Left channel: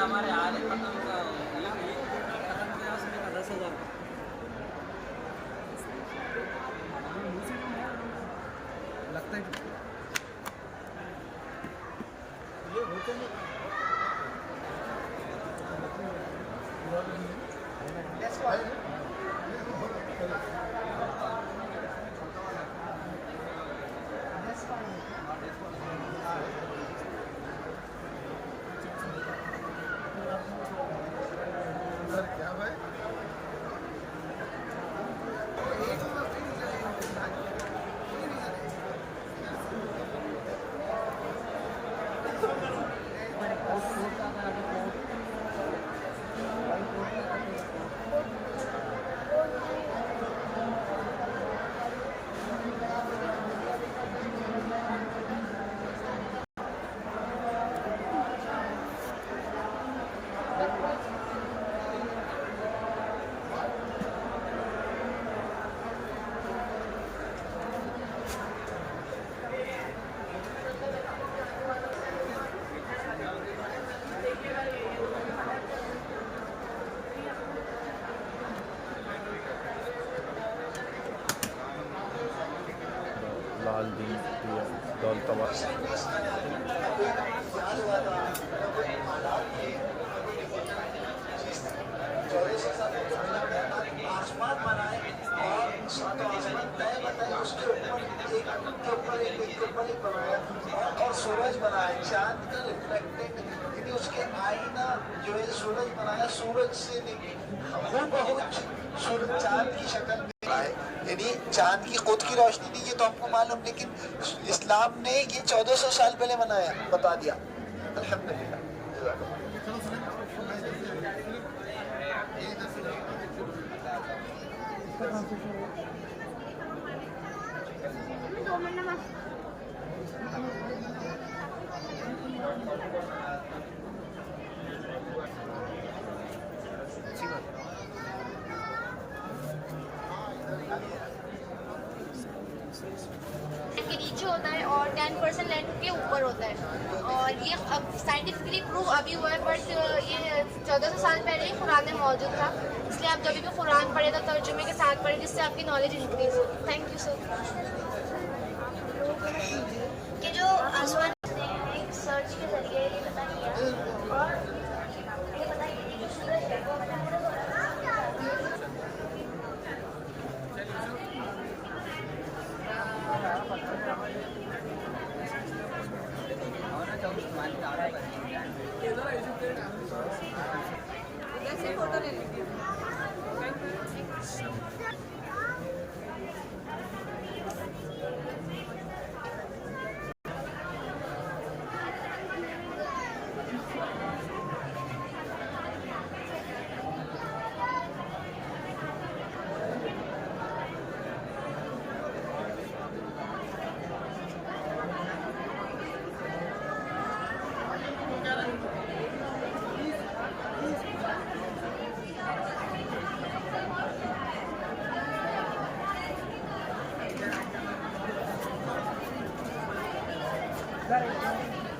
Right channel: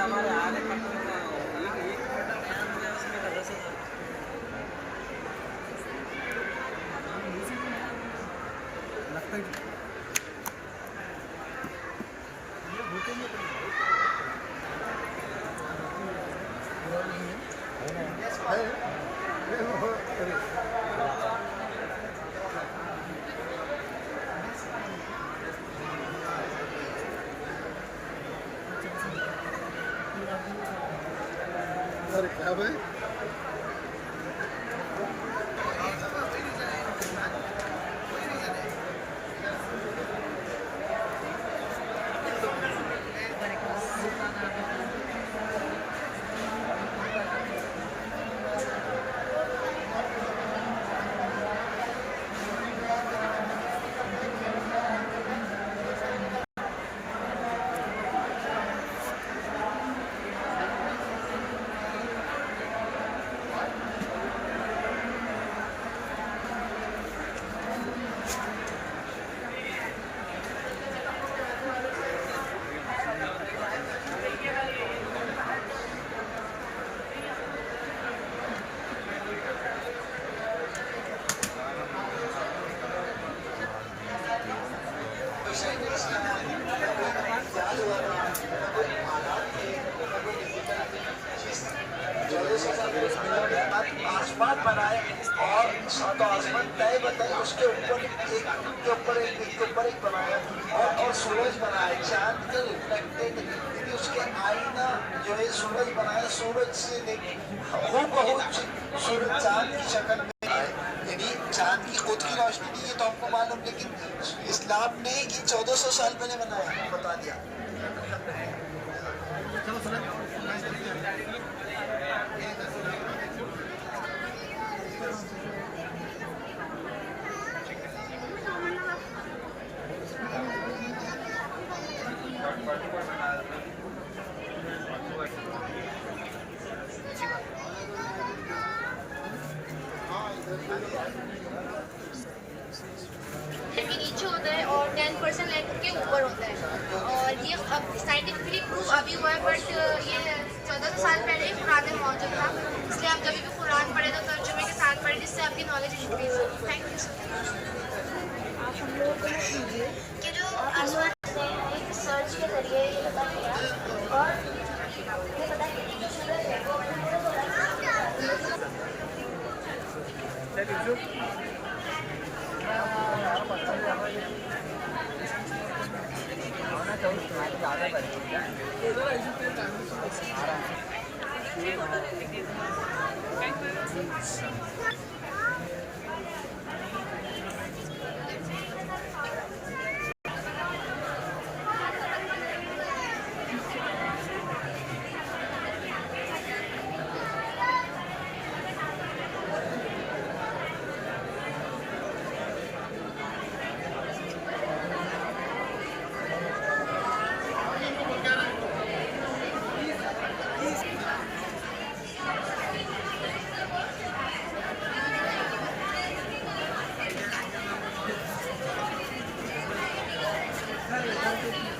हमारे आधे खत्म होगा, एक क्वार्टर खत्म होगा उसमें ऐसे ही लगता है कि ये होते नहीं। क्या भाई आसमान बनाए और सातों आसमान तय बताए, उसके ऊपर एक के ऊपर एक बनाया और सूरज बनाया, चांद के रिफ्लेक्टेड, यानी उसके आईना जो है सूरज बनाया, सूरज से हूबहू सूरज चांद की शक्ल में आए, यानी चांद की खुद की रोशनी नहीं, ये तो हमको मालूम, लेकिन इस्लाम ने ये 1400 साल पहले बनाया, बता दिया। के नीचे होता है और 10% लैंड के ऊपर होता है, और ये अब साइंटिफिकली प्रूव अभी हुआ है, बट ये 1400 साल पहले ही कुरान में मौजूद था, इसलिए आप जब भी कुरान पढ़े तो तर्जुमे के साथ पढ़े, जिससे आपकी नॉलेज इंक्रीज हो। Thank you so much. ये जो आसमान सर्च के जरिए ये बताइए Gracias.